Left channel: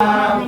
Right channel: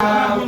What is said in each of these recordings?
Hare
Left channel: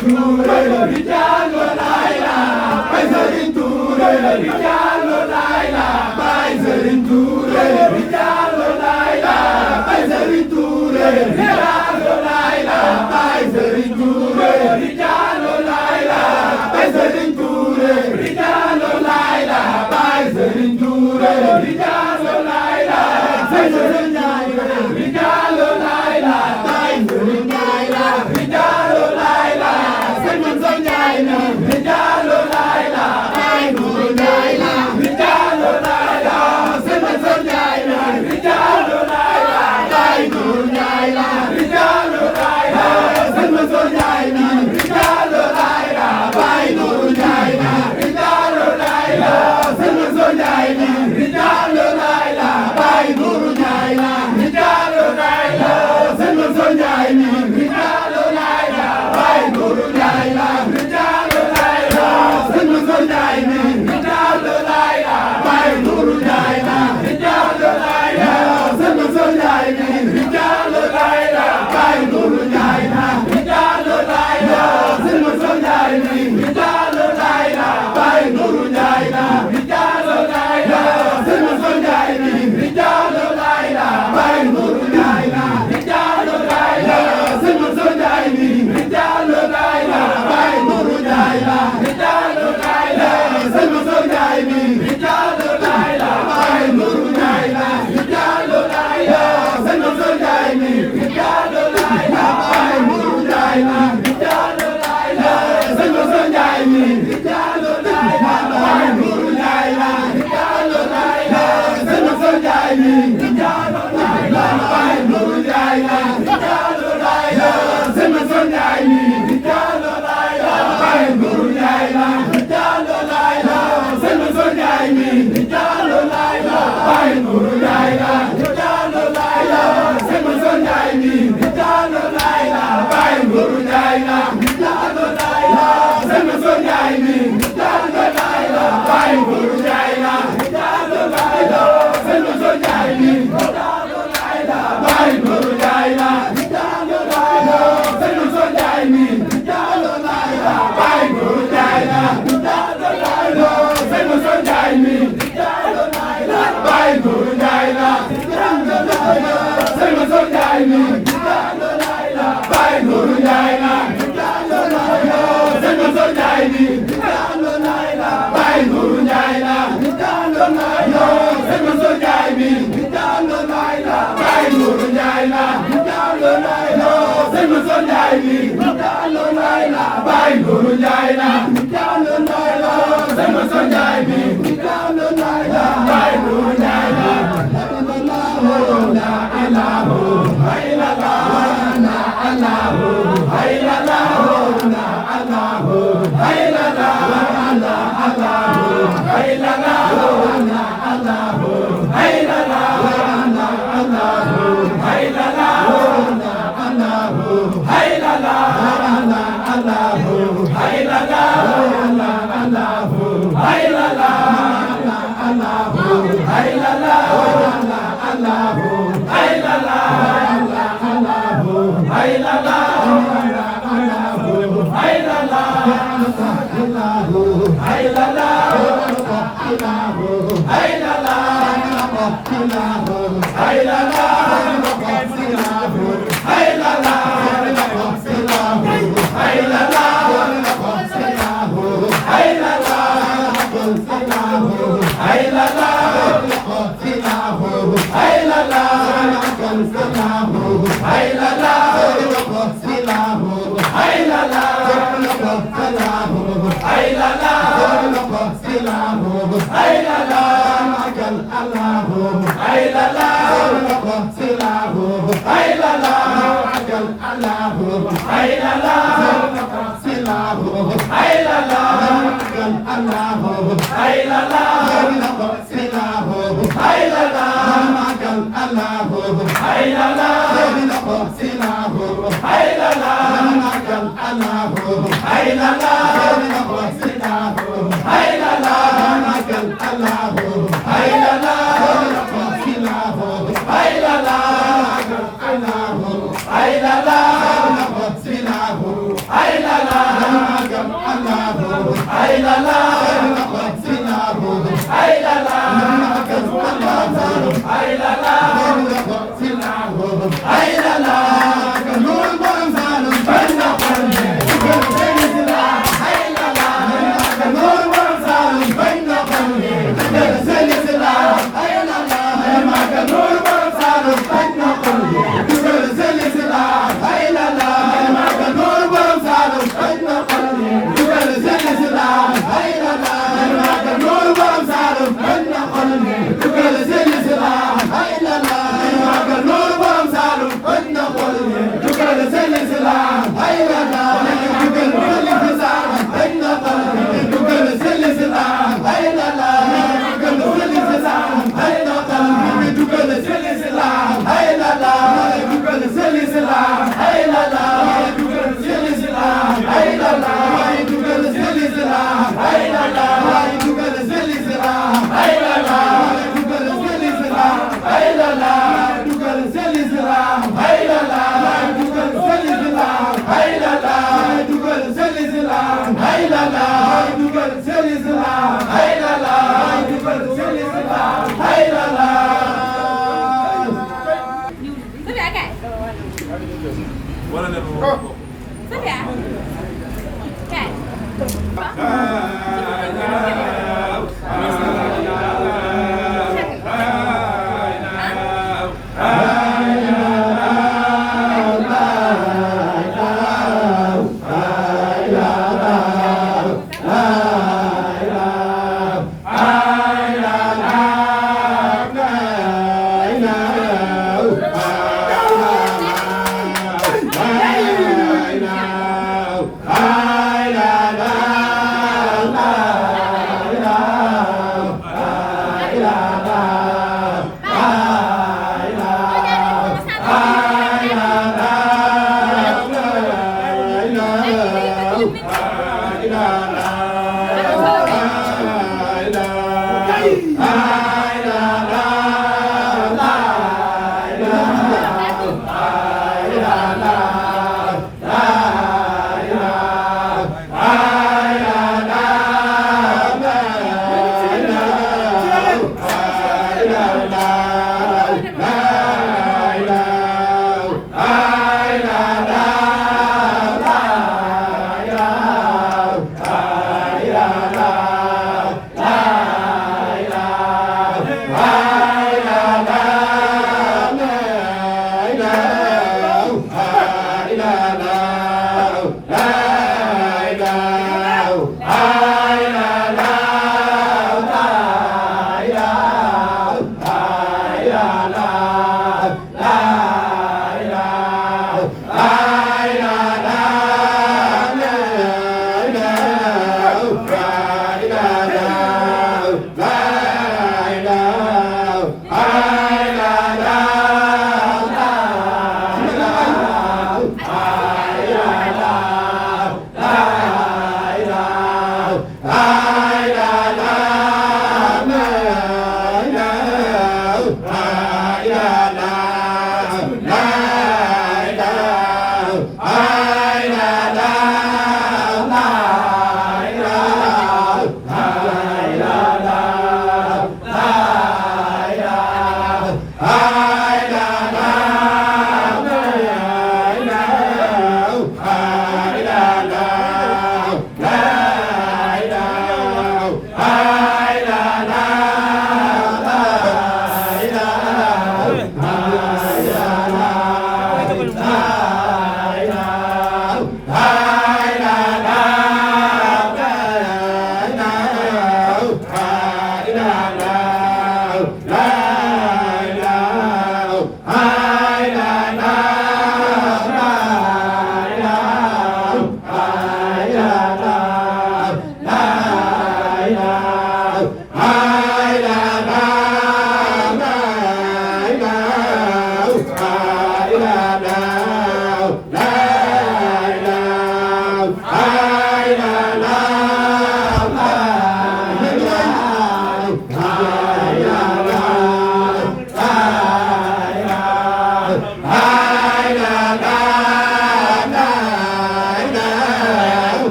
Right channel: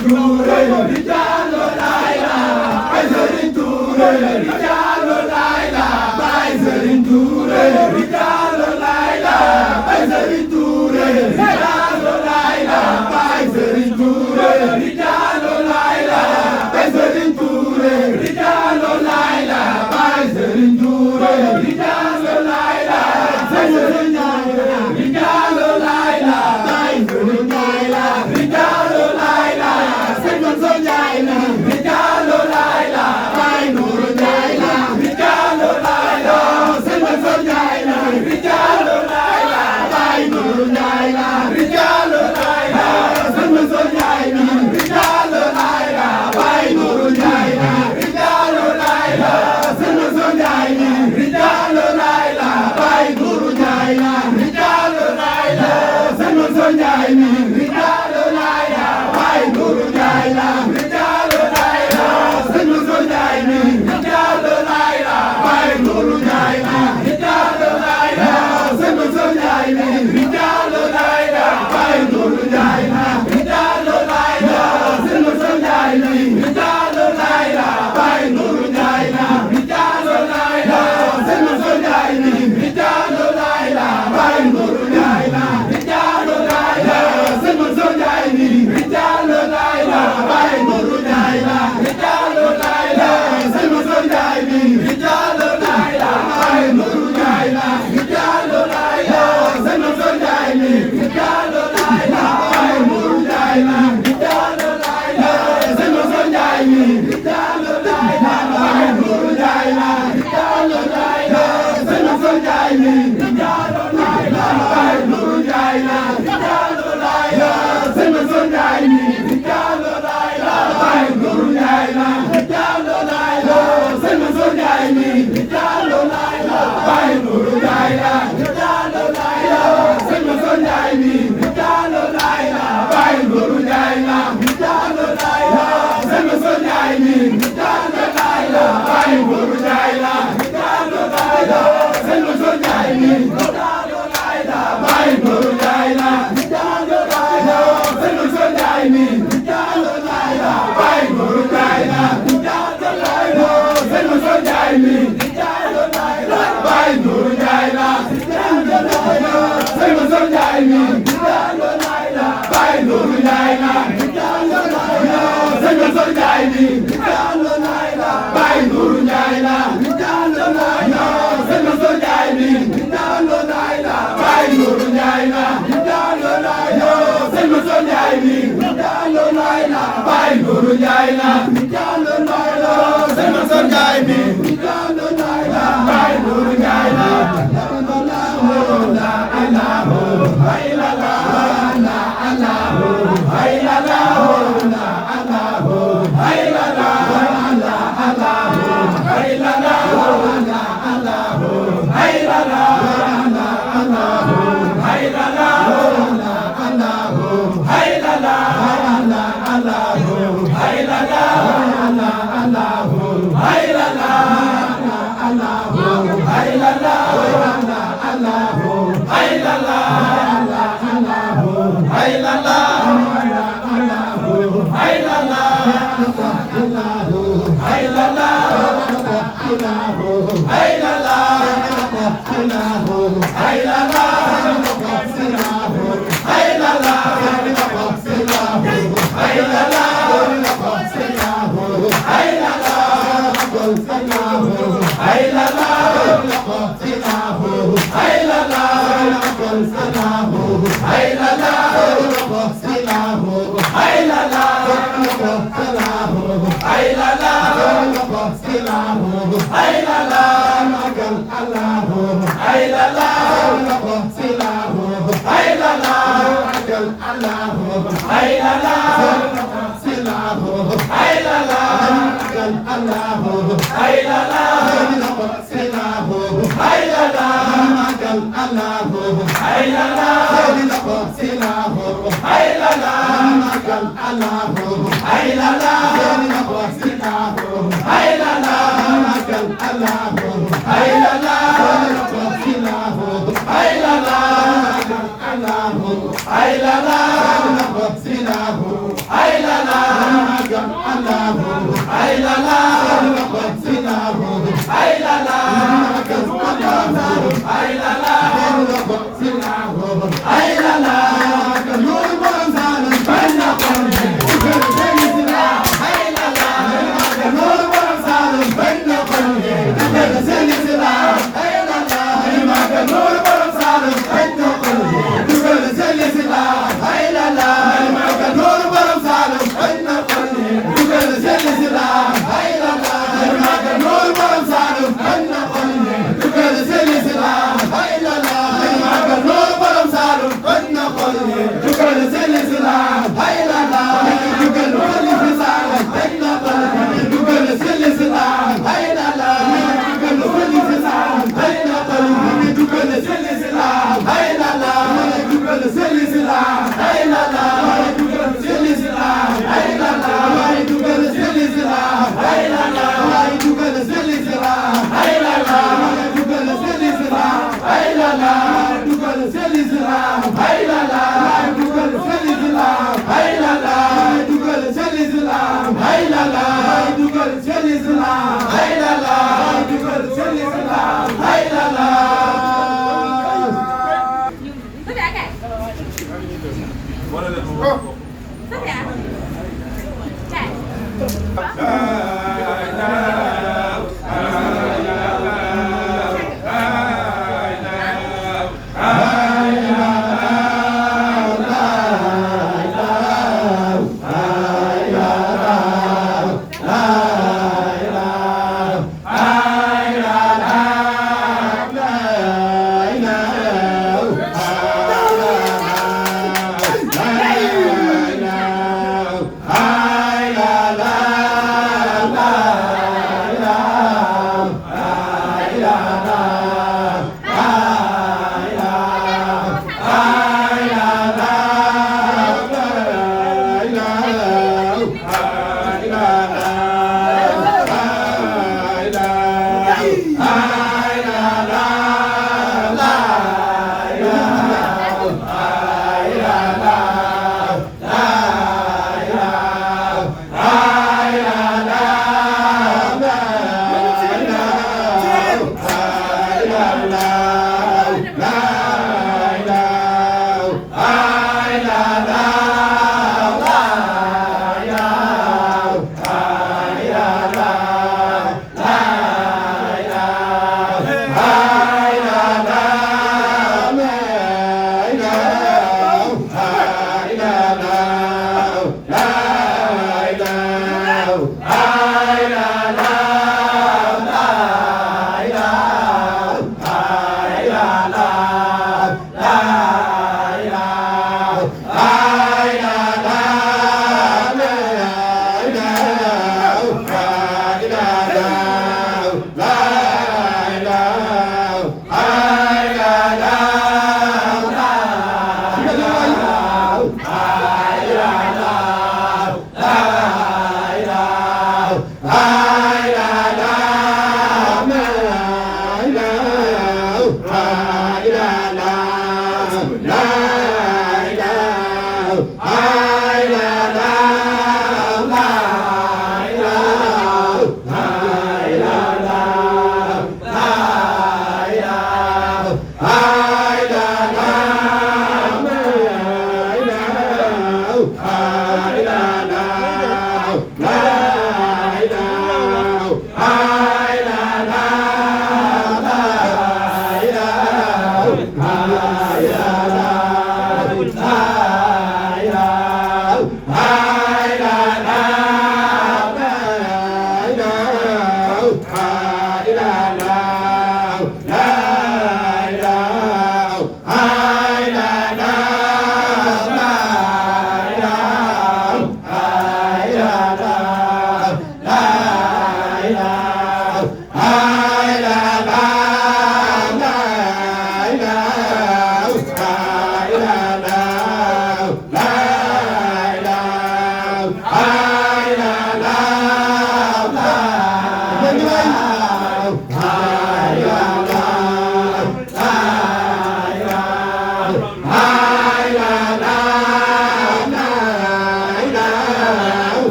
Touré, Rijalo Laila, Baye Serigne Touré, Rijalo Laila, Baye Serigne Touré, Rijalo Laila, Baye Serigne Touré, Rijalo Laila, Baye Serigne Touré, Rijalo Laila, Baye Serigne Touré, Rijalo Laila, Baye Serigne Touré, Rijalo Laila, Baye Serigne Touré, Rijalo Laila, Baye Serigne Laila, Rijalo Laila, Serigne Mansour Ndiaye na Rijalo Laila, Baye Nourou Ndiaye na Rijalo Laila, Serigne Mansour Ndiaye na Rijalo Laila, Baye Nourou Ndiaye na Rijalo Laila, Serigne Mansour Ndiaye na Rijalo Laila, Baye Nourou Ndiaye na Rijalo Laila, Serigne Mansour Ndiaye na Rijalo Laila, Baye Nourou Ndiaye na Rijalo Laila, Serigne Mansour Ndiaye na Rijalo Laila, Baye Nourou Ndiaye na Rijalo Laila, Serigne Mansour Ndiaye na Rijalo Laila, Baye Nourou Ndiaye na Rijalo Laila, Serigne Mansour Ndiaye na Rijalo Laila, Baye Nourou Ndiaye na Rijalo Laila, Serigne Mansour Ndiaye na Rijalo Laila, Baye Nourou Ndiaye na Rijalo Laila, Serigne Mansour Ndiaye na Rijalo Laila, Baye Nourou Ndiaye na Rijalo Laila, Serigne Mansour Ndiaye na Rijalo Laila, Baye Nourou Ndiaye na Rijalo Laila, Serigne Mansour Ndiaye na Rijalo Laila, Baye Nourou Ndiaye na Rijalo Laila, Serigne Mansour Ndiaye na Rijalo Laila, Baye Nourou Ndiaye na Rijalo Laila, Serigne Mansour Ndiaye na Rijalo Laila, Baye Nourou Ndiaye na Rijalo Laila, Serigne Mansour Ndiaye na Rijalo Laila, Baye Nourou Ndiaye na Rijalo Laila, Serigne Mansour Ndiaye na Rijalo Laila, Baye Nourou Ndiaye na Rijalo Laila, Serigne Mansour Ndiaye na Rijalo Laila, Baye Nourou Ndiaye na Rijalo Laila, Serigne Mansour Ndiaye na Rijalo Laila, Baye Nourou Ndiaye na Rijalo Laila, Serigne Mansour Ndiaye na Rijalo Laila, Baye Nourou Ndiaye na Rijalo Laila, Serigne Mansour Ndiaye na Rijalo Laila, Baye Nourou Ndiaye na Rijalo Laila, Serigne Mansour Ndiaye na Rijalo Laila, Baye Nourou Ndiaye na Rijalo Laila, Serigne Mansour Ndiaye na Rijalo Laila, Baye Nourou Ndiaye na Rijalo Laila, Serigne Mansour Ndiaye na Rijalo Laila, Baye Nourou Ndiaye na Rijalo Laila, Serigne Mansour Ndiaye na Rijalo Laila, Baye Nourou Ndiaye na Rijalo Laila, Serigne Mansour Ndiaye na Rijalo Laila, Baye Nourou Ndiaye na Rijalo Laila, Serigne Mansour Ndiaye na Rijalo Laila, Baye Nourou Ndiaye na Rijalo Laila, Serigne Mansour Ndiaye na Rijalo Laila, Baye Nourou Ndiaye na ay la la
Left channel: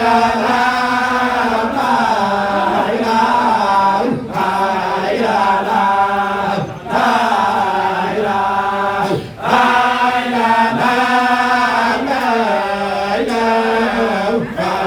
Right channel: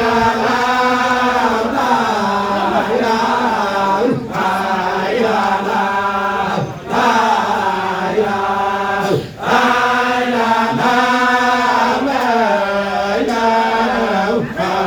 La Bye.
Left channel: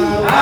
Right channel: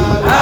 la